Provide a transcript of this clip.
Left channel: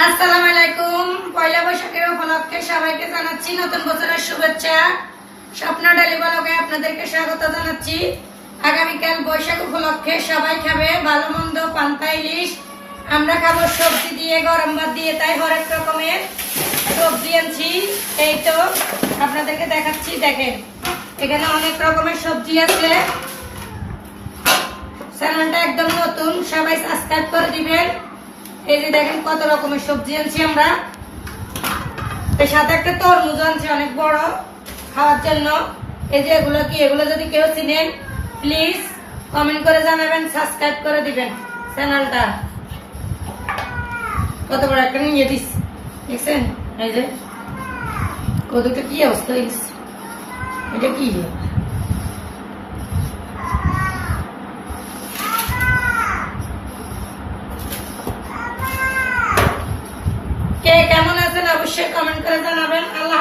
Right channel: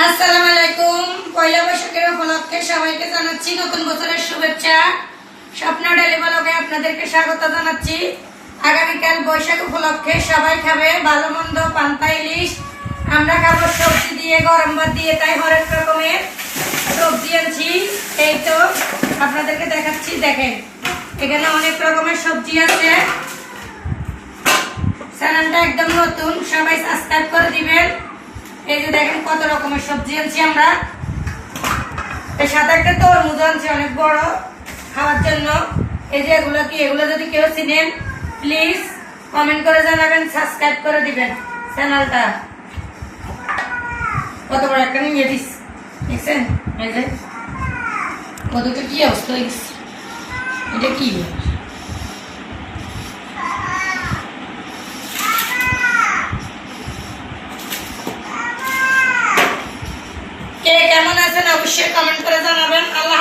আসসালামু আলাইকুম। পয়লা বৈশাখের উপলক্ষে সবাইকে জানাচ্ছি নতুন বছরের শুভেচ্ছা। স্বপ্ন ডেলি ব্লগে আপনাদেরকে স্বাগত জানাচ্ছি। আগামীকাল বৈশাখ উপলক্ষে সবাই খাবে ভালো মন্দ পান্তা ইলিশ, আমরা খাবো সবজি দিয়ে, গরম ভাত দিয়ে, তাই হরেক রকমের সবজি আনছি। এই তো আপনাদেরকে দেখাচ্ছি, দেখেন এখানে অনেক রকমের সবজি আছে। চ্যানেলটা একদম নতুন, সবাই সাবস্ক্রাইব করে দিবেন। এই যে দেখেন কত রকমের সবজি আনছি আমরা। এর সাথে একটা তরমুজ আনছি অনেক বড় খাওয়ার জন্য। এই যে এগুলো কি, এগুলো যদি কেউ চিনেন প্লিজ কমেন্ট করে জানাবেন, সাবস্ক্রাইব করে দিবেন চ্যানেলটা। কত বড় একটা নিয়ে দিস দেখছেন, এই যে কতটা কি অবস্থা হয়ে গেছে। এটা কি কে কেমন আছেন অবশ্যই কমেন্ট করে জানাবেন। আল্লাহ